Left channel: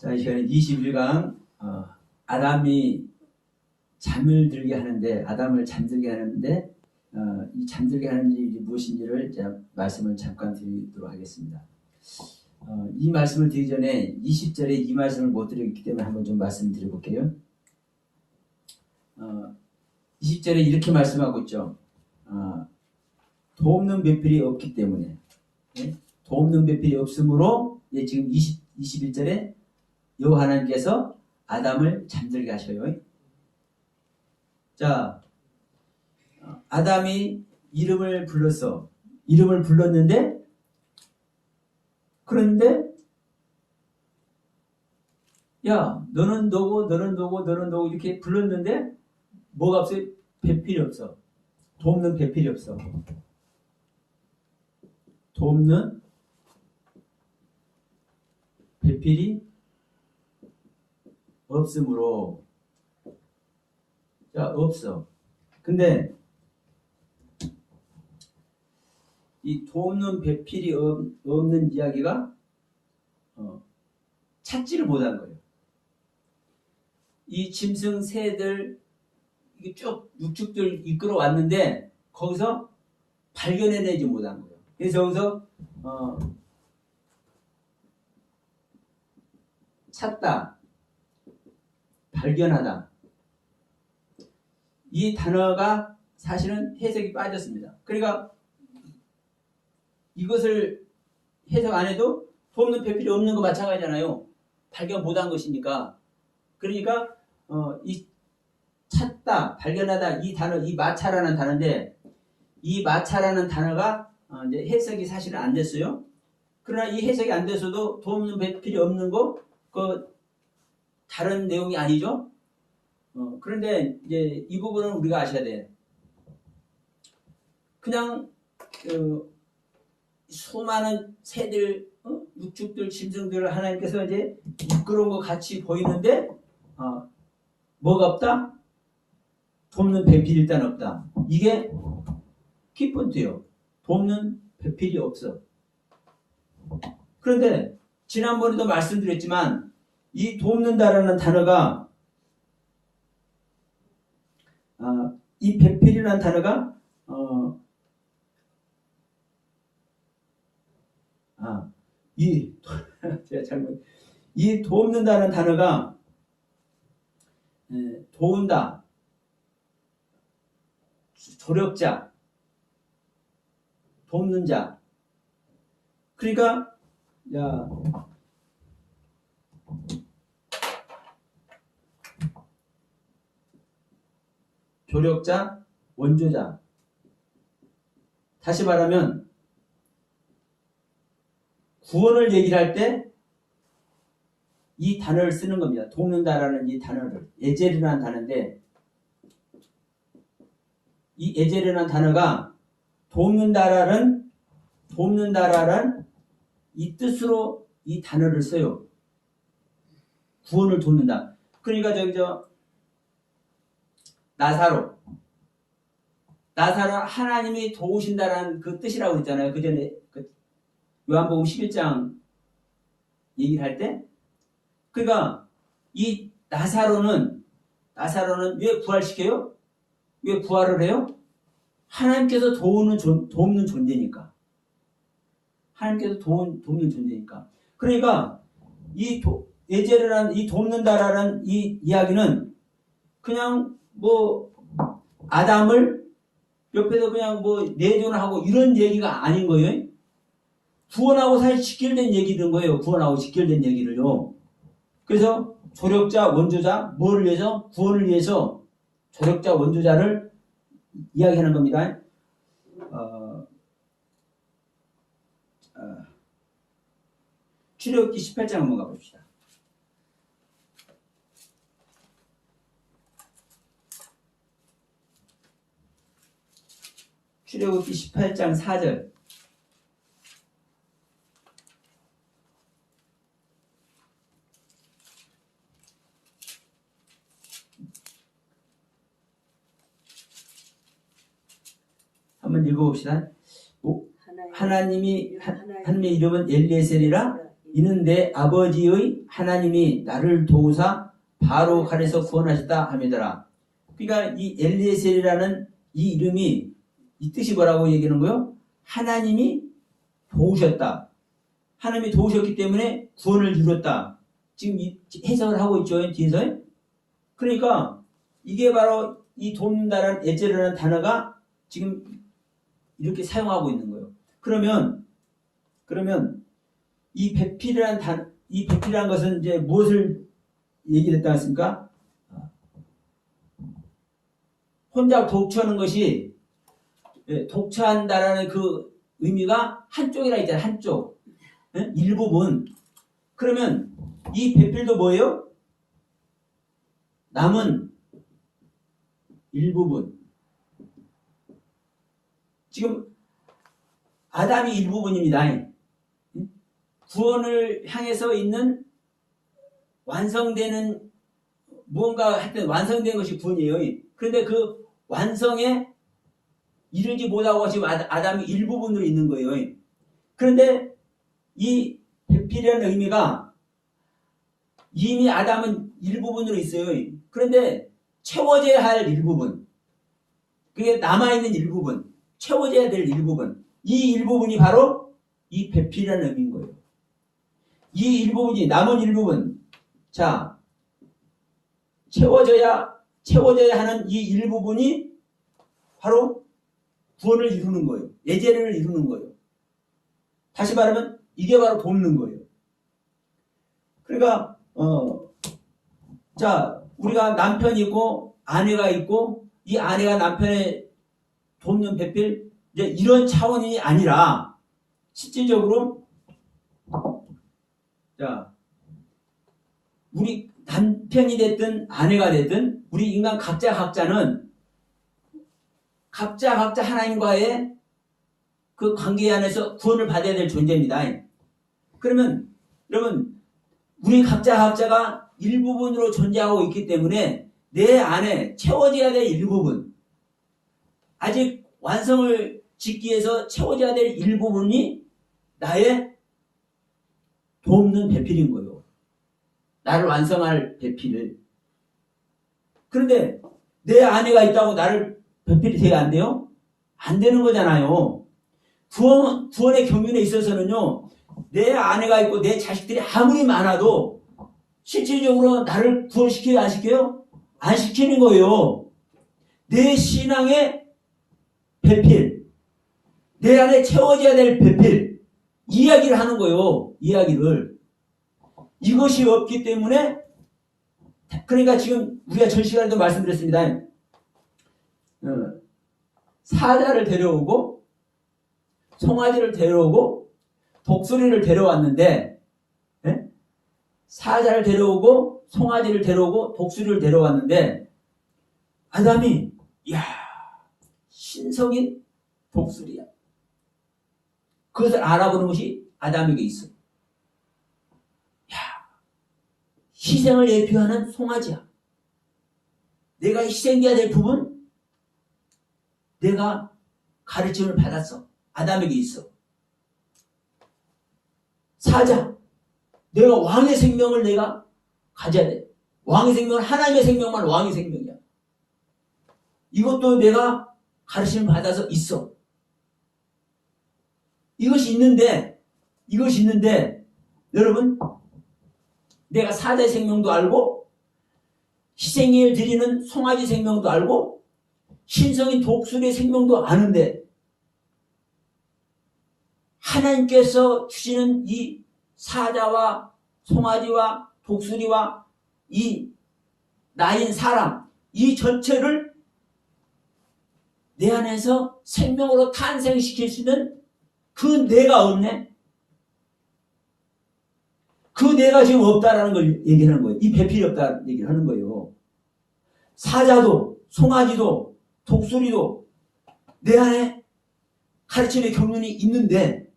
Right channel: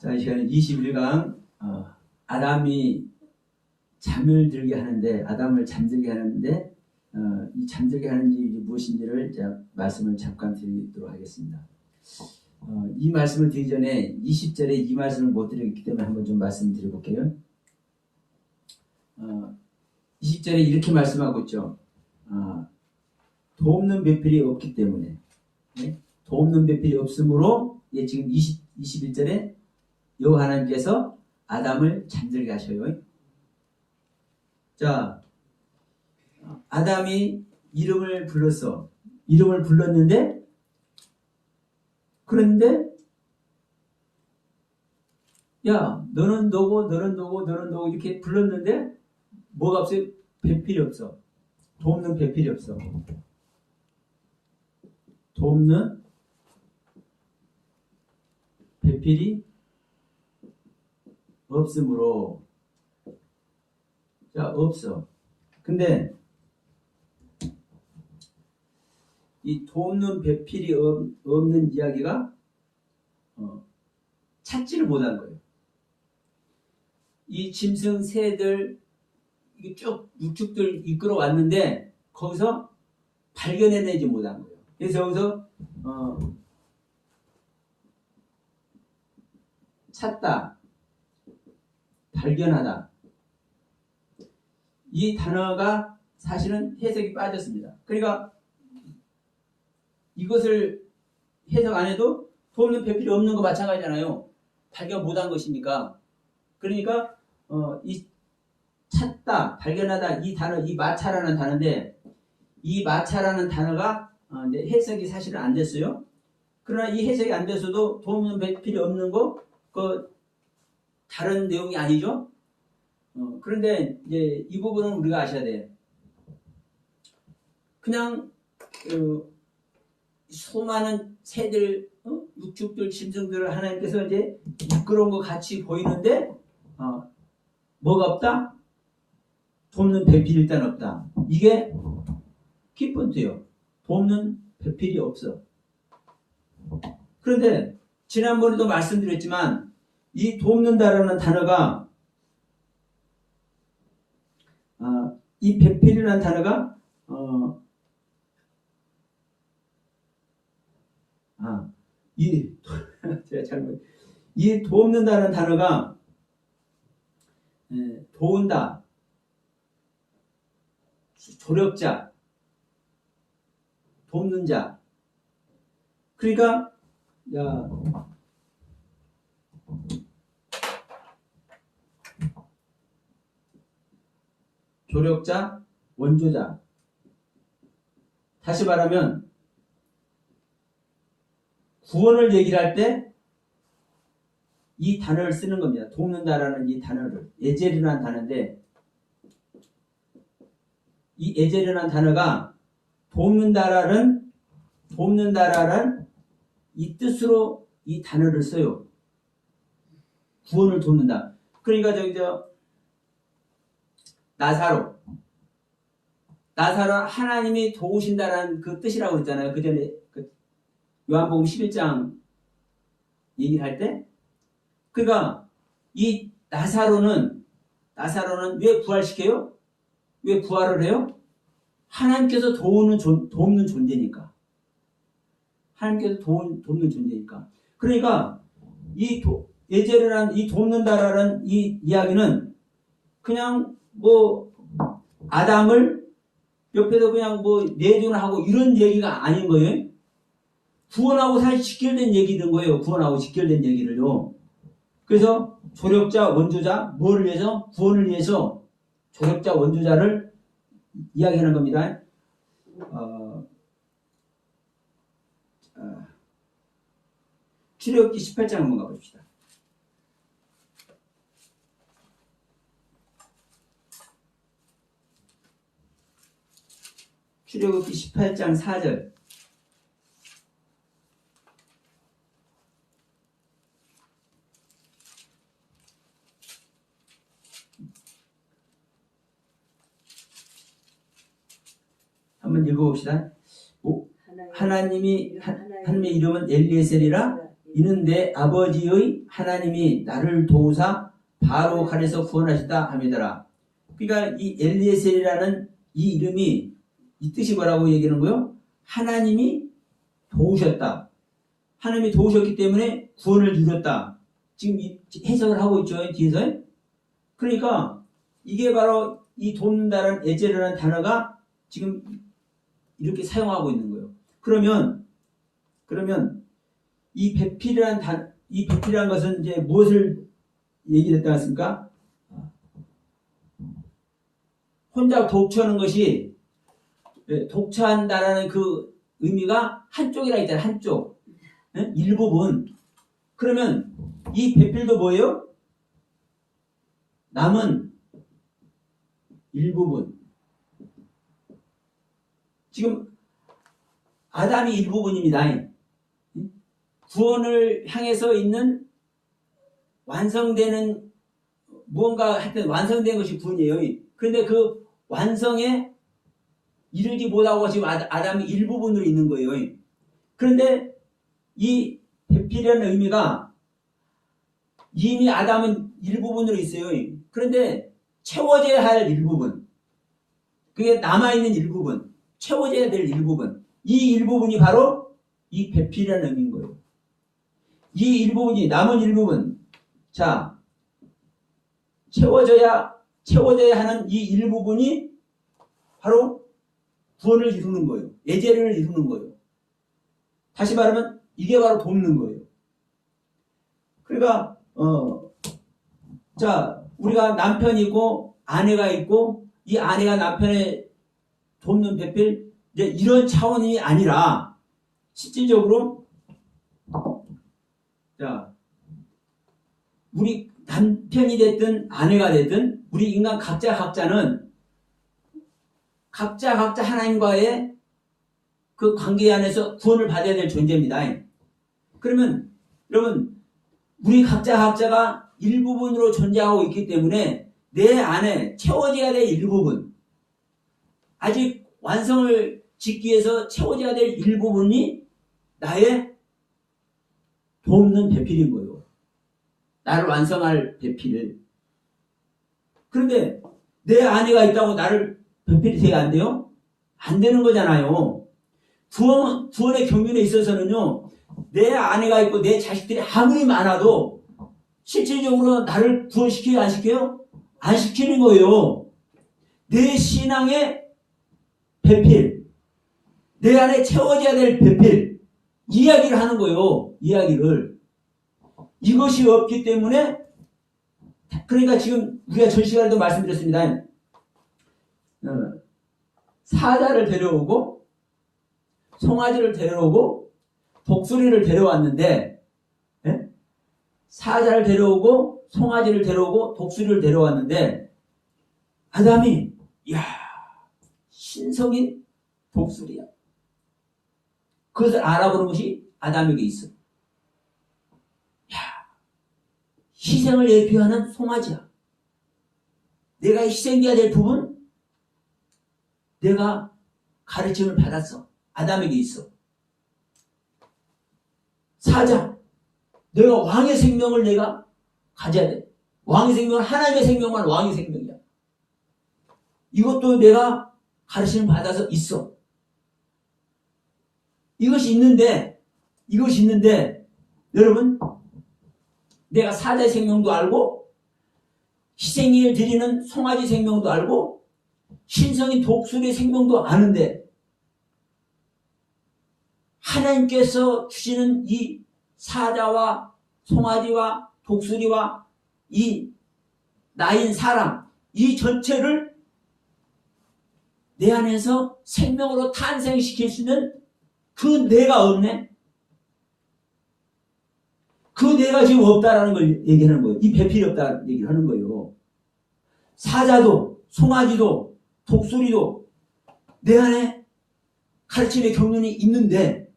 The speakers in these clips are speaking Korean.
자, 이 시간에 21강 아담이 잠을 들게 하는데, 아담을 잠들게 하는데 이 잠들게 하는 일이 무엇인지를 제가 말씀을 잠깐 드리도록 하겠습니다. 이 말씀을 드리기 전에 20절에 이 말씀을 못 드리기 때문에 한번 좀 말씀드려볼게요. 20절에 이렇게 말씀하고 있죠. 돕는 배필이 없기 때문에, 돕는 배필이 없으므로, 지금 21절에 여호와 하나님께서 아담을 잠들게 하셔요. 자, 아담이 이름을 불렀는데, 그런데 야, 너는 너고 너는 너고 너는 너고 이렇게 불렀는데 뭐가 없어요? 배필이 없어. 돕는 배필이 없어. 돕는 배필이 없으므로, 자, 없어. 근데 이 돕는 배필이 없는 이야기가 찾지를 못한 거예요. 이 짐승 새들 쭉 육축들 이끌어 왔는데 거기서 발견해내지 못한 거예요. 그래서 여기서 찾다, 발견하다, 이 단어가 사실은 해석이 빠졌습니다. 그러니까 이것을 해석 안 해도 돕는 배필이 없는 거 마찬가지잖아요. 발견 못한 것이니까. 그러니까 이 찾다, 발견하다, 이 단어, 이 마차라는 단어인데, 이 마차라는 단어가 이제 해석이 사실은 안 됐어요. 그러나 이 해석이 안 돼서도 돕는 배필이 없는 거, 그 다른 내용이 아니죠. 그런데 이제 이 부분은 우리가 아셔야 돼. 그냥 수많은 새들, 육축들, 짐승들을 하나님께서 이제 이끌어온 것 같이 보이는데 뭐가 없다? 돕는 배필이 일단 없다. 이게 키포인트예요. 돕는 배필이 없어. 그런데 지난번에도 말씀드렸지만 이 돕는다라는 단어가, 이 배필이라는 단어가 제가 이 돕는다는 단어가 도운다, 조력자, 돕는 자. 그러니까 조력자, 원조자. 다시 말하면 구원을 얘기를 할 때 이 단어를 쓰는 겁니다. 돕는다라는 이 단어를, 에젤이라는 단어인데, 이 에젤이라는 단어가 돕는다라는 이 뜻으로 이 단어를 써요. 구원을 돕는다. 그러니까 나사로 하나님이 도우신다라는 그 뜻이라고 그랬잖아요. 그 전에 요한복음 11장 얘기를 할 때. 그러니까 이 나사로는 왜 부활시켜요? 왜 부활을 해요? 하나님께서 돕는 존재니까. 하나님께서 돕는 존재니까. 그러니까 이 에제르란, 이 돕는다라는 이 이야기는 그냥 아담을 옆에서 그냥 내존하고 이런 얘기가 아닌 거예요. 구원하고 사실 직결된 얘기인 거예요. 구원하고 직결된 얘기를요. 그래서 조력자, 원조자, 뭐를 위해서? 구원을 위해서 조력자, 원조자를 이야기하는 겁니다. 출애굽기 18장 한번 가봅시다. 출애굽기 18장 4절. 한번 읽어봅시다. 하나님의 이름은 엘리에셀이라 이는 내 아버지의 하나님이 나를 도우사 바로 칼에서 구원하셨다 함이더라. 그러니까 이 엘리에셀이라는 이 이름이 이 뜻이 뭐라고 얘기하는 거예요? 하나님이 도우셨다. 하나님이 도우셨기 때문에 구원을 이뤘다. 지금 해석을 하고 있죠, 뒤에서. 그러니까 이게 바로 이 돕는다라는 에제르라는 단어가 지금 이렇게 사용하고 있는 거예요. 그러면 이 배필이라는 것은 이제 무엇을 얘기했다 했습니까? 혼자 독처하는 것이 독처한다라는 그 의미가 한쪽이라 했잖아요. 한쪽. 일부분. 그러면 이 배필도 뭐예요? 남은 일부분. 지금 아담이 일부분입니다. 구원을 향해서 있는 완성되는 무언가 하여튼 완성된 것이 구원이에요. 그런데 그 완성에 이르지 못하고 지금 아담이 일부분으로 있는 거예요. 그런데 이 배필이라는 의미가 이미 아담은 일부분으로 있어요. 그런데 채워져야 할 일부분, 그게 남아있는 일부분, 채워져야 될 일부분, 이 일부분이 바로 이 배필이라는 의미인 거예요. 이 일부분이 남은 일부분, 자, 채워져야 하는 이 일부분이 바로 구원을 이루는 거예요. 예제를 이루는 거예요. 다시 말하면 이게 바로 돕는 거예요. 그러니까 자, 우리가 남편이 있고 아내가 있고 이 아내가 남편의 돕는 배필, 이제 이런 차원이 아니라 실질적으로 자, 우리 남편이 됐든 아내가 됐든 우리 인간 각자는 각자 하나님과의 그 관계 안에서 구원을 받아야 될 존재입니다. 그러면 여러분, 우리 각자가 일부분으로 존재하고 있기 때문에 내 안에 채워져야 될 일부분, 아직 완성을 짓기 위해서 채워져야 될 일부분이 나의 돕는 배필인 거예요. 나를 완성할 배필을. 그런데 내 아내가 있다고 나를 배필이 돼야 안 돼요? 안 되는 거잖아요. 구원의 경륜에 있어서는요, 내 아내가 있고 내 자식들이 아무리 많아도 실질적으로 나를 구원시켜요, 안 시켜요? 안 시키는 거예요. 내 신앙의 배필, 내 안에 채워져야 될 배필, 이야기를 하는 거예요. 이야기를. 이것이 없기 때문에, 그러니까 지금 우리가 전 시간에도 말씀드렸습니다. 사자를 데려오고 송아지를 데려오고 독수리를 데려왔는데, 사자를 데려오고 송아지를 데려오고 독수리를 데려왔는데, 아담이 야, 신성인 독수리야. 그것을 알아보는 것이 아담에게 있어. 야, 희생을 예표하는 송아지야. 내가 희생해야 될 부분, 내가 가르침을 받았어. 아담에게 있어. 사자, 내가 왕의 생명을 내가 가져야 돼. 왕의 생명은 하나님의 생명만 왕의 생명이야. 이것도 내가 가르침을 받아서 있어. 이것이 있는데 여러분, 내가 사자의 생명도 알고 희생을 드리는 송아지 생명도 알고 신성인 독수리의 생명도 아는데, 하나님께서 주시는 이 사자와 송아지와 독수리와 이 나인 사람, 이 전체를 내 안에서 생명으로 탄생시킬 수 있는 그 내가 없네? 그 내가 지금 없다라는 걸 얘기하는 거예요. 이 배필이 없다는 얘기를 하는 거예요. 사자도 송아지도 독수리도 내 안에 가르침의 경륜이 있는데,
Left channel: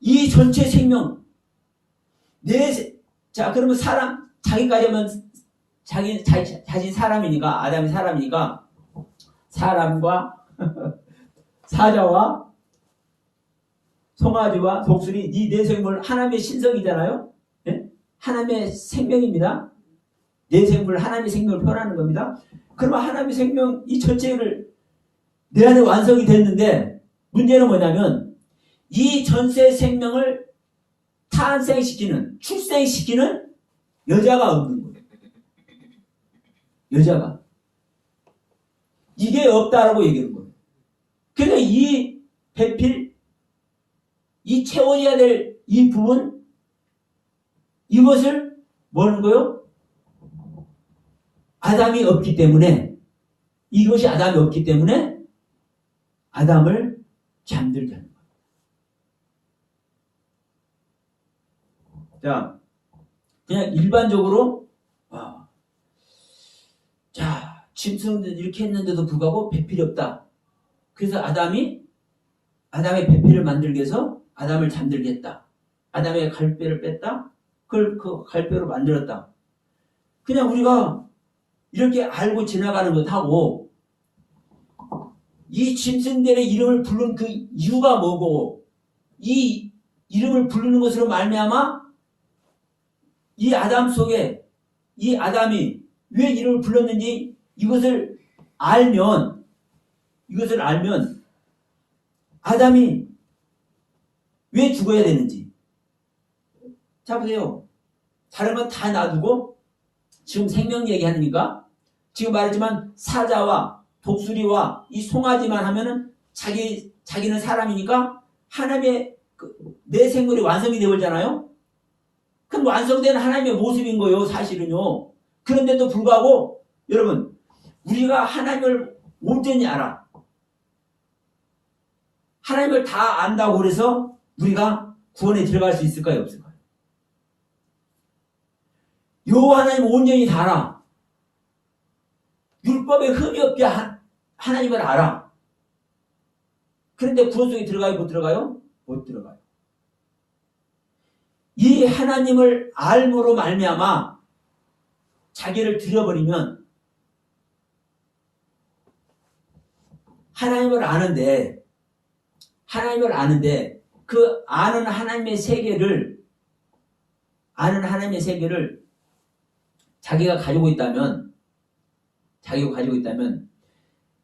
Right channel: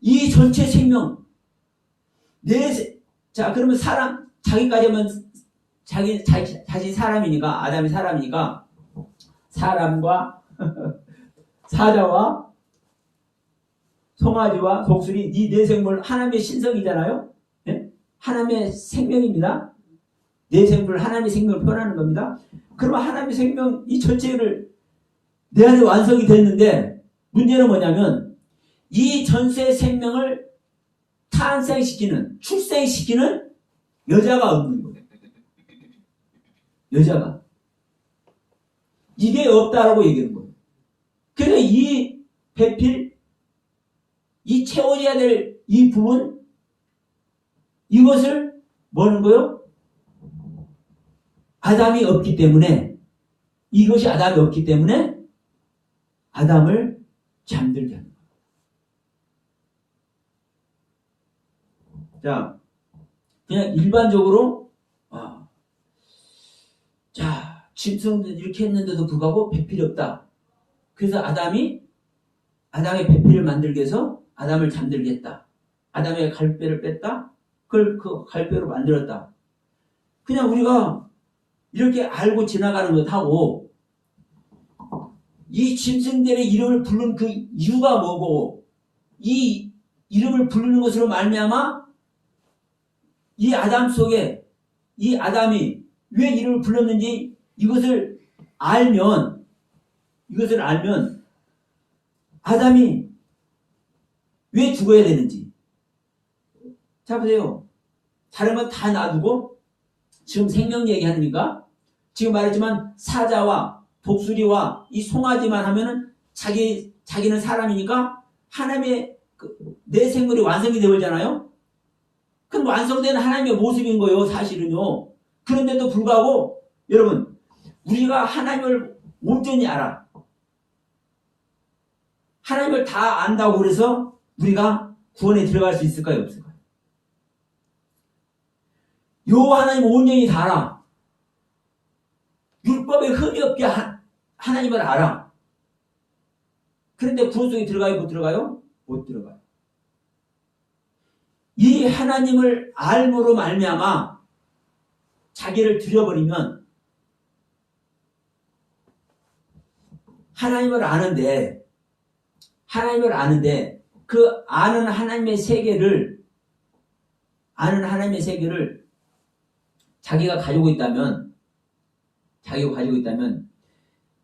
이 전체 생명, 자, 그러면 사람, 자기까지 하면 자신 사람이니까, 아담이 사람이니까, 사람과 사자와 송아지와 독수리 이 내생물 하나님의 신성이잖아요. 예? 하나님의 생명입니다. 내생물 하나님의 생명을 표현하는 겁니다. 그러면 하나님의 생명 이 전체를 내 안에 완성이 됐는데 문제는 뭐냐면 이 전체 생명을 탄생시키는 출생시키는 여자가 없는 거예요. 여자가. 이게 없다라고 얘기하는 거예요. 그래서 이 배필 이 채워져야 될 이 부분 이것을 뭐는 거요? 아담이 없기 때문에 이것이 아담이 없기 때문에 아담을 잠들게 하는 거예요. 자, 그냥 일반적으로 자, 짐승들 이렇게 했는데도 불구하고 배필이 없다. 그래서 아담의 배필을 만들기 위해서 아담을 잠들게 했다. 아담의 갈뼈를 뺐다. 그걸 그 갈뼈로 만들었다. 그냥 우리가 이렇게 알고 지나가는 것하고 이 짐승들의 이름을 부르는 그 이유가 뭐고 이 이름을 부르는 것으로 말미암아 이 아담 속에 이 아담이 왜 이름을 불렀는지 이것을 알면 아담이 왜 죽어야 되는지. 자 보세요. 다른 건 다 놔두고 지금 생명 얘기하니까 지금 말했지만 사자와 독수리와 이 송아지만 하면은 자기는 사람이니까 하나님의 내 생물이 완성이 되버리잖아요. 그럼 완성된 하나님의 모습인 거예요, 사실은요. 그런데도 불구하고 여러분 우리가 하나님을 온전히 알아. 하나님을 다 안다고 그래서 우리가 구원에 들어갈 수 있을까요, 없을까요? 요 하나님 온전히 다 알아. 율법에 흠이 없게 하나님을 알아. 그런데 구원 속에 들어가요, 못 들어가요? 못 들어가요. 이 하나님을 알므로 말미암아 자기를 들여버리면 하나님을 아는데 그 아는 하나님의 세계를 자기가 가지고 있다면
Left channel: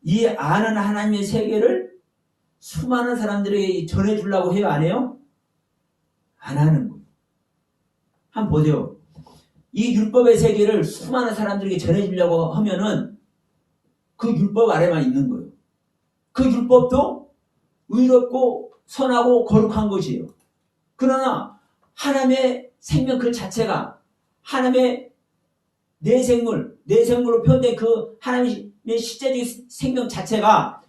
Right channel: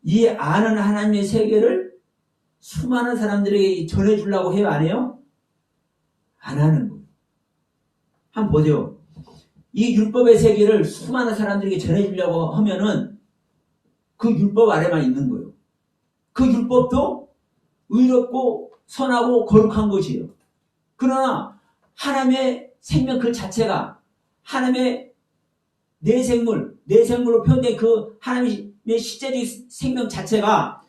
이 아는 하나님의 세계를 수많은 사람들에게 전해주려고 해요, 안 해요? 안 하는 거예요. 한번 보세요. 이 율법의 세계를 수많은 사람들에게 전해주려고 하면은 그 율법 아래만 있는 거예요. 그 율법도 의롭고 선하고 거룩한 것이에요. 그러나 하나님의 생명 그 자체가 하나님의 내생물로 표현된 그 하나님의 실제적인 생명 자체가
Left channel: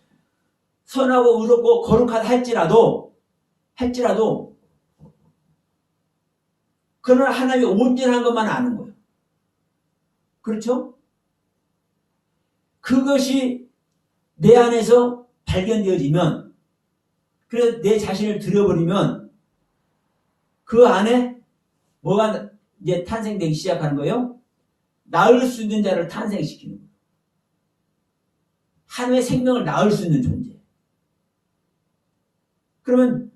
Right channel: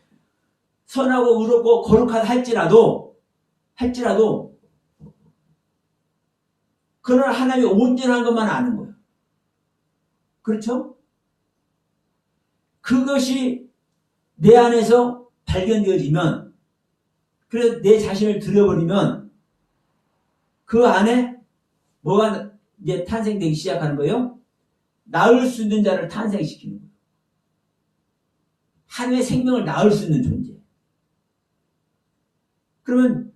선하고 의롭고 거룩하다 할지라도 그러나 하나님의 온전한 것만 아는 거예요. 그렇죠? 그것이 내 안에서 발견되어지면 그래서 내 자신을 들여버리면 그 안에 뭐가 이제 탄생되기 시작하는 거예요? 낳을 수 있는 자를 탄생시키는 거예요. 하나님의 생명을 낳을 수 있는 존재. 그러면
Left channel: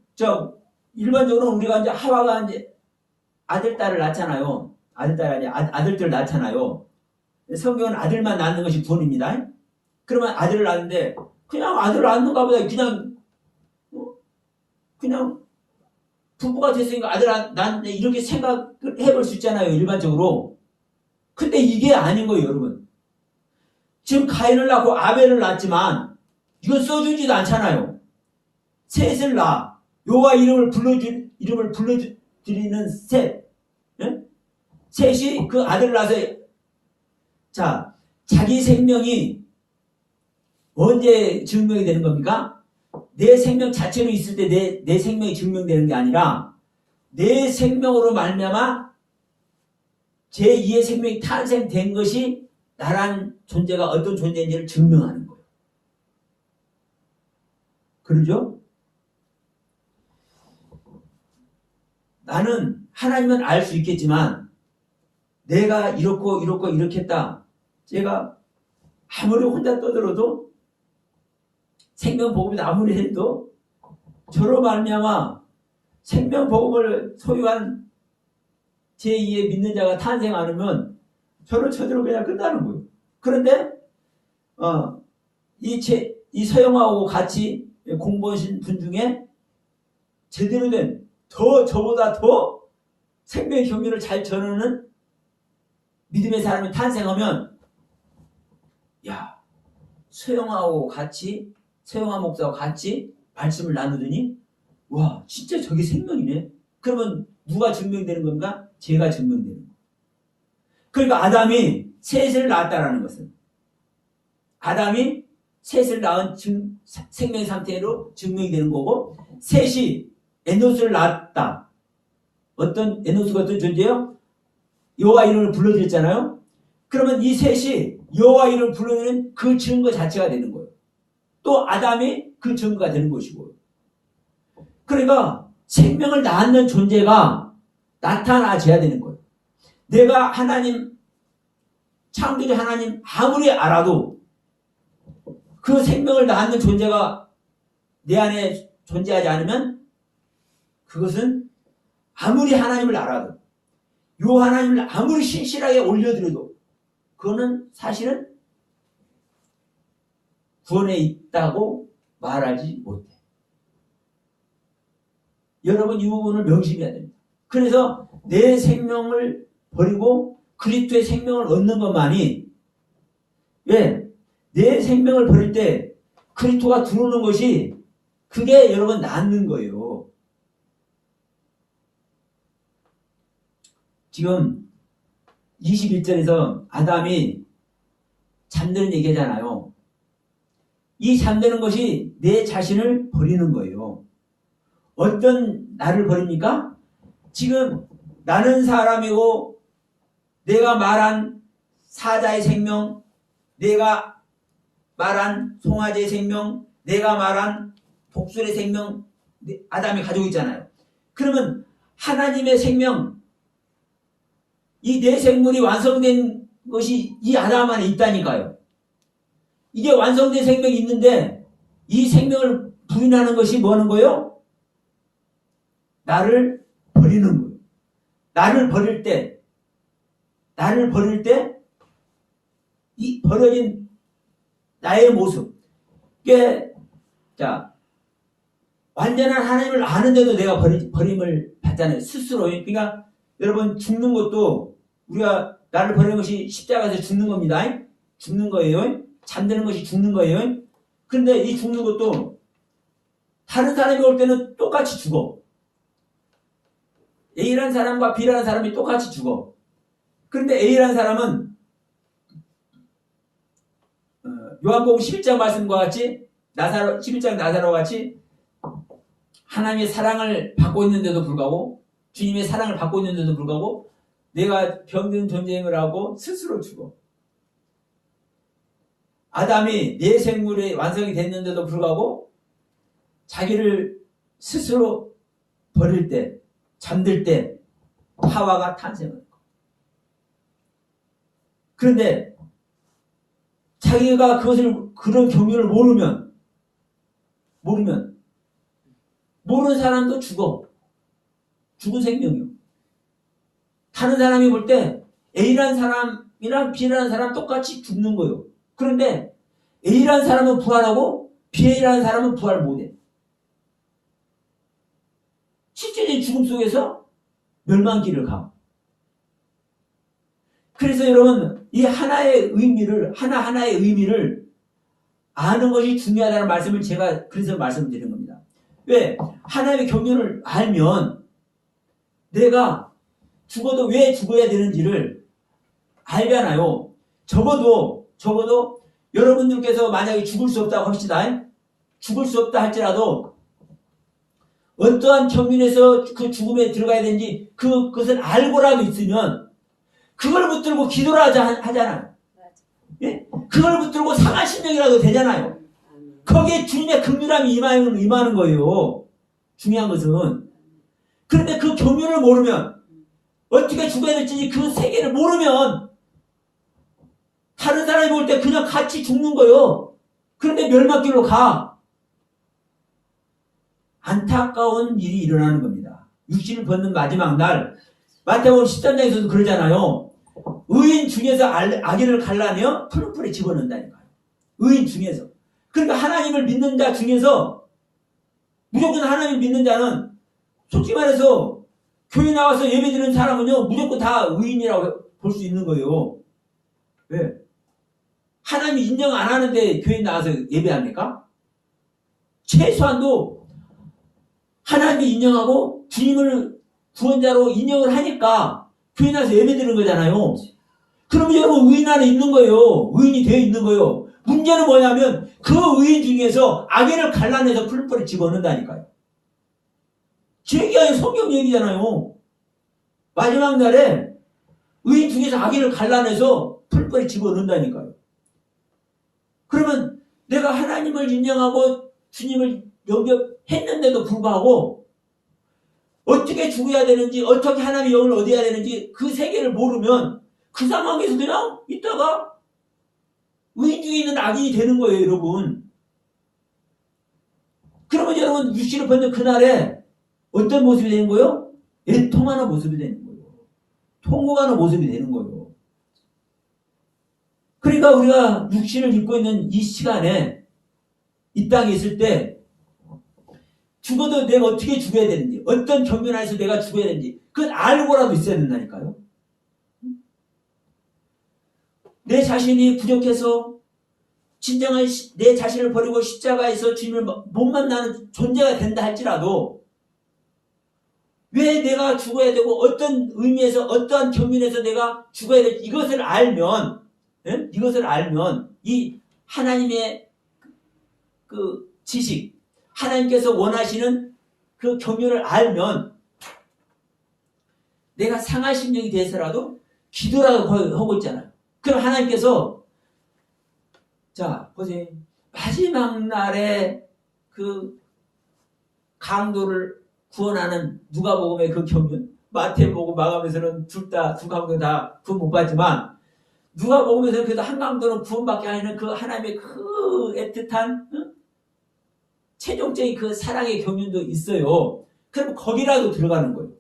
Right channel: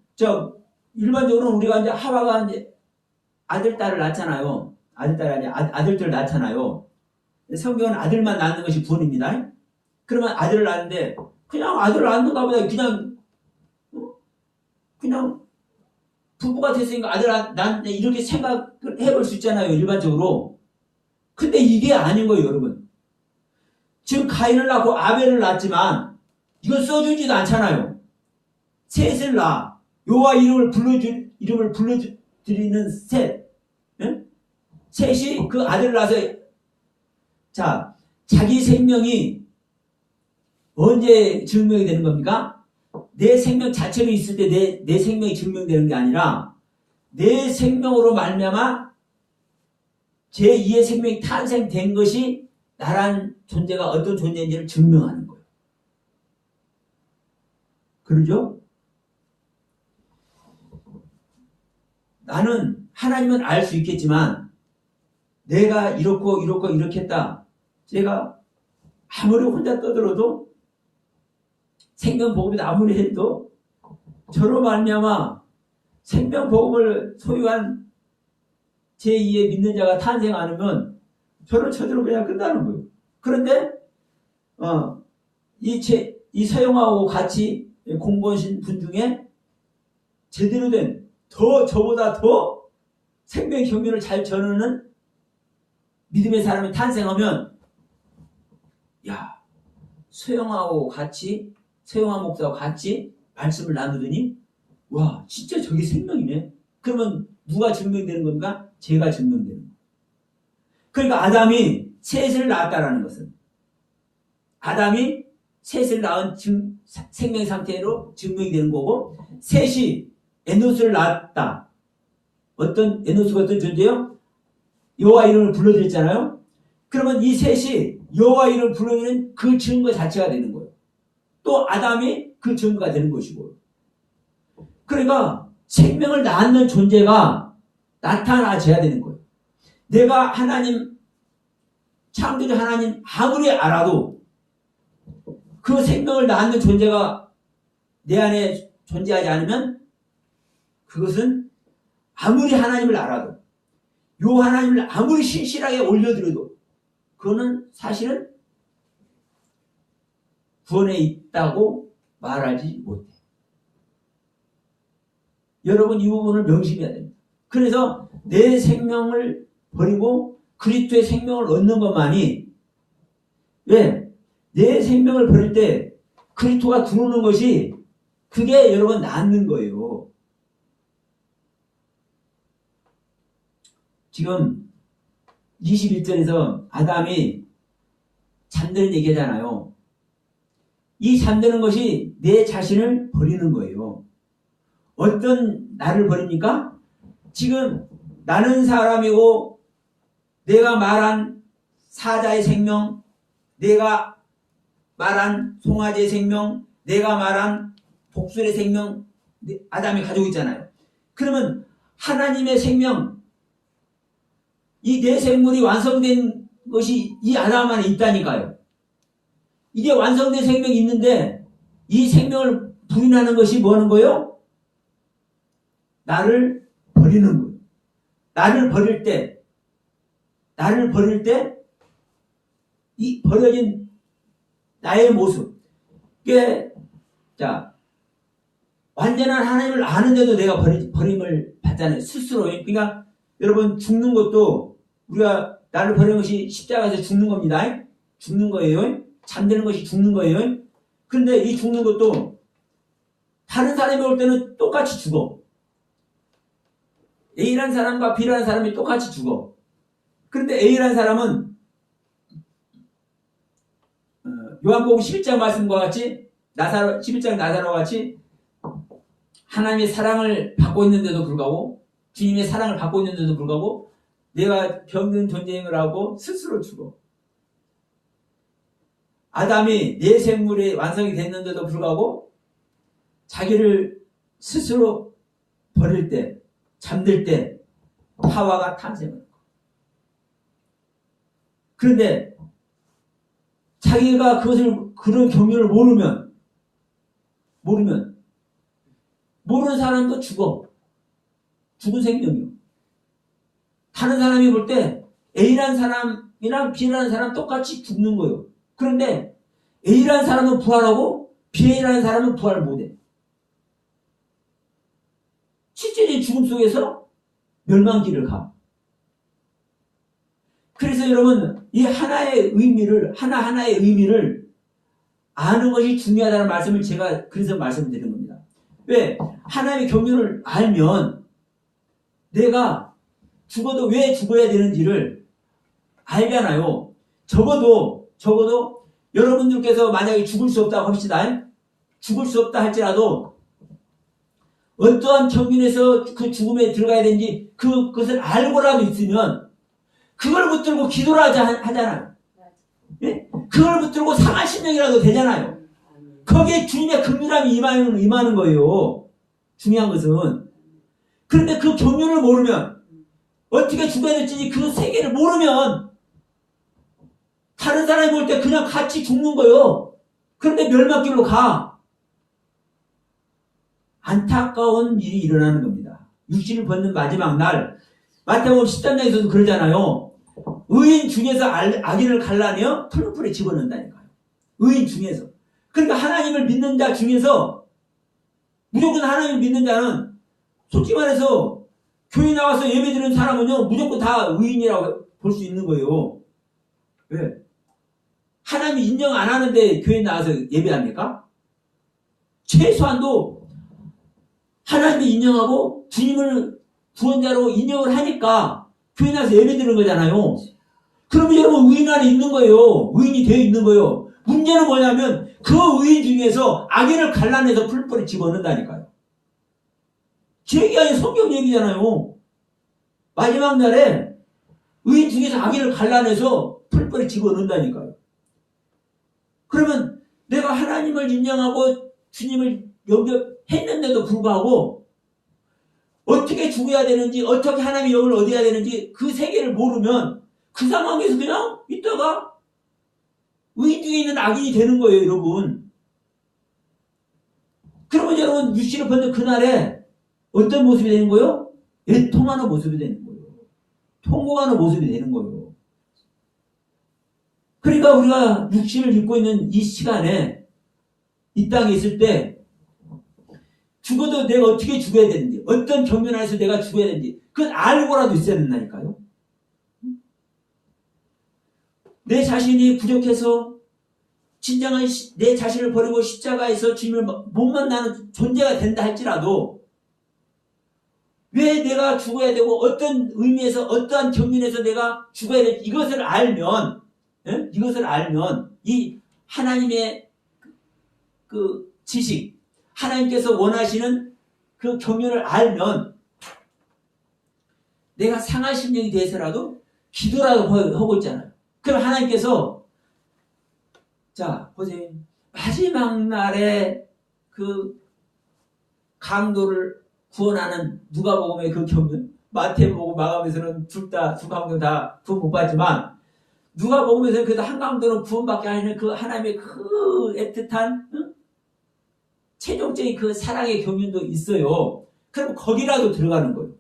일반적으로 우리가 이제 하와가 이제 아들, 딸을 낳잖아요. 아들들을 낳잖아요. 성경은 아들만 낳는 것이 구원입니다. 그러면 아들을 낳는데 그냥 아들을 낳는가 보다 그냥 부부가 됐으니까 아들 낳는데 이렇게 생각을 해볼 수 있잖아요. 일반적으로. 근데 이게 아닌 거예요, 여러분. 지금 가인을 낳고 아벨을 낳았지만 이건 써주지도 않잖아요. 셋을 낳아. 여호와 이름을 불러드리는 셋. 네? 셋이 그 아들을 낳아서 자기 생명이 언제 증명이 되는 겁니까? 내 생명 자체로 있을 때 내 생명이 증명되는 게 아니라 내 생명으로 말미암아 제2의 생명이 탄생된 것이 나란 존재가 어떤 존재인지를 증명하는 거예요. 그러죠? 나는 하나님은 알 수 있겠지만 내가 이렇게 했다. 제가 아무리 혼자 떠들어도 생명복음이 아무리 해도 저로 말미암아 생명복음을 소유한 제2의 믿는 자가 탄생 안 하면 저를 저대로 그냥 끝나는 거예요. 그런데 이 서영하고 같이 공부하신 분 중에 제대로 된 저보다 더 생명의 경륜을 잘 전하는 믿음의 사람이 탄생하면 서영하고 같이 서영하 목사하고 같이 말씀을 나누더니 와 진짜 저게 생명이네. 그러면 누가 증명되는 겁니까? 제가 증명되는 거예요. 그러니까 아담이 셋을 낳았다라는 것은 아담이 셋을 낳은 생명의 상태로 증명이 되는 거고 셋이 에노스를 낳았다. 어떤 에노스가 어떤 존재요? 여호와 이름을 불러드렸잖아요. 그러면 이 셋이 여호와 이름을 불러드리는 그 증거 자체가 되는 거예요. 또 아담이 그 증거가 되는 것이고 그러니까 생명을 낳는 존재가 나타나져야 되는 거예요. 내가 하나님 창조주 하나님 아무리 알아도 그 생명을 낳는 존재가 내 안에 존재하지 않으면 그것은 아무리 하나님을 알아도 요 하나님을 아무리 신실하게 올려드려도 그거는 사실은 구원에 있다고 말하지 못해. 여러분 이 부분을 명심해야 됩니다. 그래서 내 생명을 버리고 그리스도의 생명을 얻는 것만이 왜? 내 생명을 버릴 때 그리스도가 들어오는 것이 그게 여러분 낫는 거예요. 지금 21절에서 아담이 잠드는 얘기잖아요. 이 잠드는 것이 내 자신을 버리는 거예요. 어떤 나를 버립니까? 지금 나는 사람이고 내가 말한 사자의 생명, 내가 말한 송아지의 생명, 내가 말한 독수리의 생명 아담이 가지고 있잖아요. 그러면 하나님의 생명 이 내 생물이 완성된 것이 이 아담 안에 있다니까요. 이게 완성된 생명이 있는데 이 생명을 부인하는 것이 뭐 하는 거예요? 나를 버리는 거예요. 나를 버릴 때 이 버려진 나의 모습 이게 완전한 하나님을 아는데도 내가 버림을 받잖아요. 스스로. 그러니까 여러분 죽는 것도 우리가 나를 버리는 것이 십자가에서 죽는 겁니다. 죽는 거예요. 잠드는 것이 죽는 거예요. 그런데 이 죽는 것도 다른 사람이 올 때는 똑같이 죽어. A라는 사람과 B라는 사람이 똑같이 죽어. 그런데 A라는 사람은 요한복음 11장 말씀과 같이 11장 나사로와 같이 하나님의 사랑을 받고 있는데도 불구하고 주님의 사랑을 받고 있는데도 불구하고 내가 병든 존재임을 하고 스스로 죽어. 아담이 내 생물이 완성이 됐는데도 불구하고 자기를 스스로 버릴 때 잠들 때 하와가 탄생을 했고 그런데 자기가 그런 경륜을 모르면 모르는 사람도 죽어. 죽은 생명이요. 다른 사람이 볼 때 A라는 사람이랑 B라는 사람 똑같이 죽는 거예요. 그런데 A라는 사람은 부활하고 B라는 사람은 부활 못해. 실제적인 죽음 속에서 멸망길을 가. 그래서 여러분 이 하나의 의미를 하나하나의 의미를 아는 것이 중요하다는 말씀을 제가 그래서 말씀드리는 겁니다. 왜? 하나님의 경륜을 알면 내가 죽어도 왜 죽어야 되는지를 알잖아요. 적어도 여러분들께서 만약에 죽을 수 없다고 합시다. 죽을 수 없다 할지라도 어떠한 경륜에서 그 죽음에 들어가야 되는지 그것을 알고라도 있으면 그걸 붙들고 기도를 하잖아요. 예? 그걸 붙들고 상한 심령이라도 되잖아요. 거기에 주님의 긍휼함이 임하는 거예요. 중요한 것은. 그런데 그 경륜을 모르면 어떻게 죽어야 될지 그 세계를 모르면 다른 사람이 볼 때 그냥 같이 죽는 거예요. 그런데 멸망길로 가. 안타까운 일이 일어나는 겁니다. 육신을 벗는 마지막 날 마태복음 13장에서도 그러잖아요. 의인 중에서 악인을 갈라내어 풀풀에 집어넣는다니까요. 의인 중에서. 그러니까 하나님을 믿는 자 중에서 무조건 하나님을 믿는 자는 솔직히 말해서 교회 나와서 예배드리는 사람은요 무조건 다 의인이라고 볼 수 있는 거예요. 왜? 하나님 인정 안 하는데 교회 나와서 예배합니까? 최소한도 하나님이 인정하고 주님을 구원자로 인정을 하니까 교회 나와서 예배드리는 거잖아요. 그러면 여러분 의인 안에 있는 거예요. 의인이 되어 있는 거예요. 문제는 뭐냐면 그 의인 중에서 악인을 갈라내서 풀뿌리 집어넣는다니까요. 제 얘기 아니고 성경 얘기잖아요. 마지막 날에 의인 중에서 악인을 갈라내서 풀뿌리 집어넣는다니까요. 그러면 내가 하나님을 인정하고 주님을 영접했는데도 불구하고 어떻게 죽어야 되는지 어떻게 하나님의 영을 얻어야 되는지 그 세계를 모르면 그 상황에서 그냥 있다가 의인 중에 있는 악인이 되는 거예요, 여러분. 그러면 여러분 육신을 벗는 그날에 어떤 모습이 되는 거예요? 애통하는 모습이 되는 거예요. 통곡하는 모습이 되는 거예요. 그러니까 우리가 육신을 입고 있는 이 시간에 이 땅에 있을 때 죽어도 내가 어떻게 죽어야 되는지 어떤 경륜 안에서 내가 죽어야 되는지 그건 알고라도 있어야 된다니까요. 내 자신이 부족해서 진정한 내 자신을 버리고 십자가에서 주님을 못 만나는 존재가 된다 할지라도 왜 내가 죽어야 되고 어떤 의미에서 어떠한 경륜에서 내가 죽어야 될지 이것을 알면 이것을 알면 이 하나님의 그 지식 하나님께서 원하시는 그 경륜을 알면 내가 상한 심령이 돼서라도 기도라도 하고 있잖아요. 그럼 하나님께서 자 보세요. 마지막 날에 그 강도를 구원하는 누가복음의 그 경륜 마태복음 마가복음에서는 두 강도 다 구원 못 받지만 누가복음에서는 그래도 한 강도는 구원받게 하는 그 하나님의 그 애틋한 최종적인 그 사랑의 경륜도 있어요. 그럼 거기라도 들어가는 거예요.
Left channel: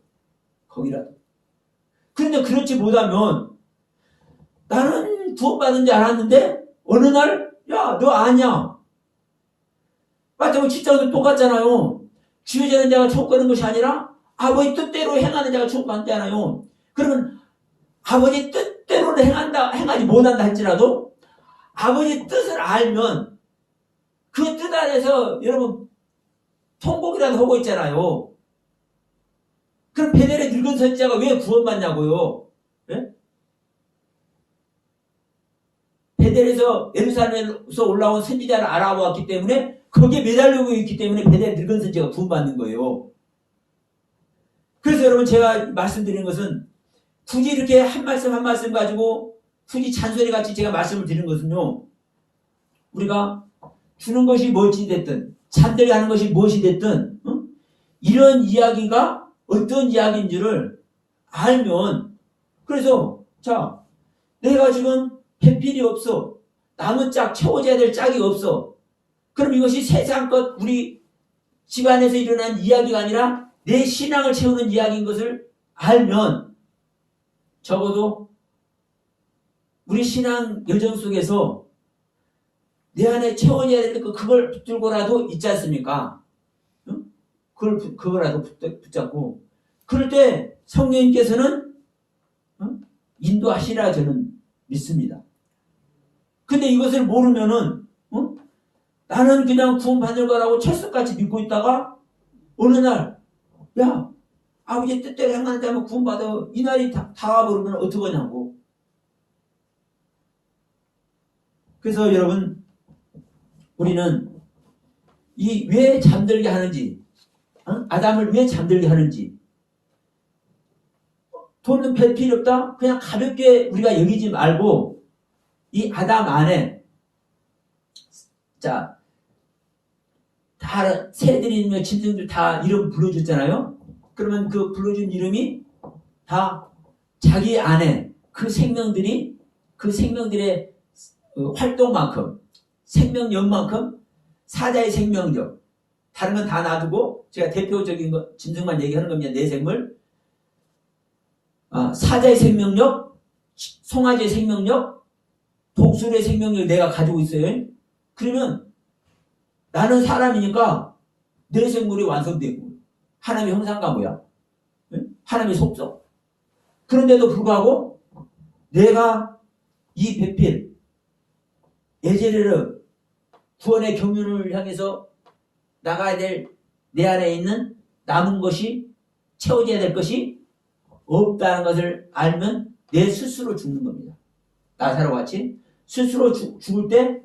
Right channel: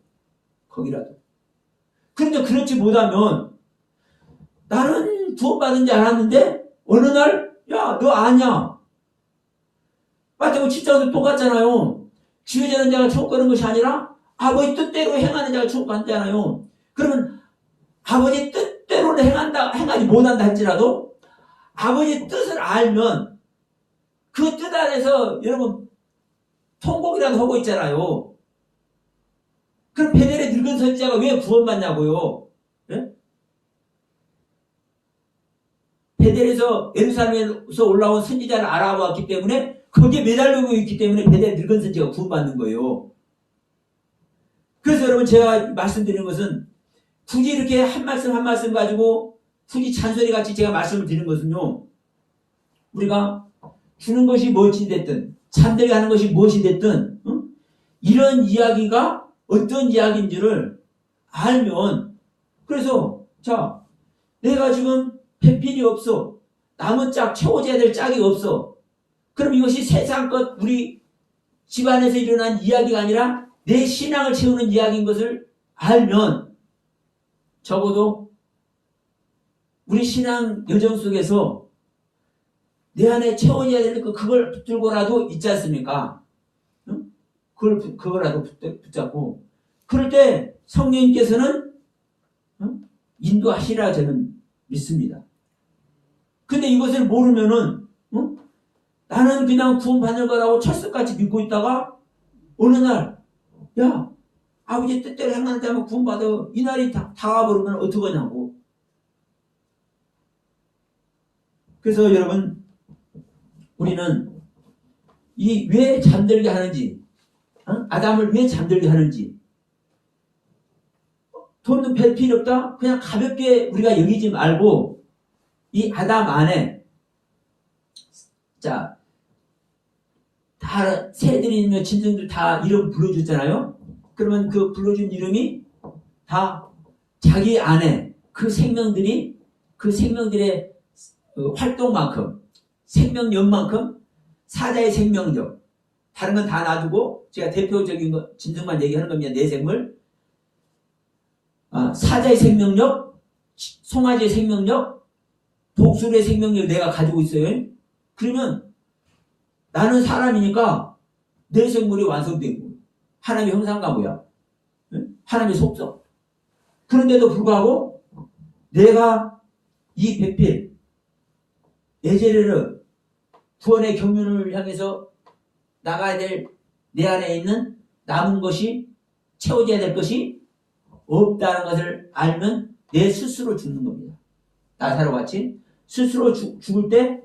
거기라도. 그런데 그렇지 못하면 나는 구원받은 줄 알았는데 어느 날 야 너 아냐. 마태복음 7장도 똑같잖아요. 지혜자는 자가 천국 가는 것이 아니라 아버지 뜻대로 행하는 자가 천국 간다잖아요. 그러면 아버지 뜻대로는 행하지 못한다 할지라도 아버지 뜻을 알면 그 뜻 안에서 여러분 통곡이라도 하고 있잖아요. 그럼 베델의 늙은 선지자가 왜 구원받냐고요? 네? 베델에서 예루살렘에서 올라온 선지자를 알아보았기 때문에 거기에 매달리고 있기 때문에 베델의 늙은 선지자가 구원받는 거예요. 그래서 여러분 제가 말씀드리는 것은 굳이 이렇게 한 말씀 한 말씀 가지고 굳이 잔소리같이 제가 말씀을 드리는 것은요. 우리가 주는 것이 무엇이 됐든 잠들게 하는 것이 무엇이 됐든 이런 이야기가 어떤 이야기인 줄을 알면 그래서 자 내가 지금 배필이 없어 남은 짝 채워져야 될 짝이 없어 그럼 이것이 세상 것 우리 집안에서 일어난 이야기가 아니라 내 신앙을 채우는 이야기인 것을 알면 적어도 우리 신앙 여정 속에서 내 안에 채워져야 될 그걸 붙들고라도 있지 않습니까? 응? 그거라도 붙잡고 그럴 때 성령님께서는 인도하시라 저는 믿습니다. 근데 이것을 모르면은 나는 그냥 구원받을 거라고 철석같이 믿고 있다가 어느 날 야 아버지 뜻대로 행하는 자면 구원받아 이 날이 다가버리면 어떡하냐고. 그래서 여러분 우리는 이 왜 잠들게 하는지 아담을 왜 잠들게 하는지 돈은 별 필요 없다 그냥 가볍게 우리가 여기지 말고 이 아담 안에 자 다 새들이며 짐승들 다 이름 불러줬잖아요. 그러면 그 불러준 이름이 다 자기 안에 그 생명들이 그 생명들의 활동만큼 생명력만큼 사자의 생명력 다른 건 다 놔두고 제가 대표적인 거 짐승만 얘기하는 겁니다. 내생물. 사자의 생명력, 송아지의 생명력, 독수리의 생명력을 내가 가지고 있어요. 그러면 나는 사람이니까 내 생물이 완성되고 하나님의 형상과 모양, 하나님의 속성. 그런데도 불구하고 내가 이 배필 에제르르 구원의 경륜을 향해서 나가야 될 내 안에 있는 남은 것이 채워져야 될 것이 없다는 것을 알면 내 스스로 죽는 겁니다. 나사로 같이 스스로 죽을 때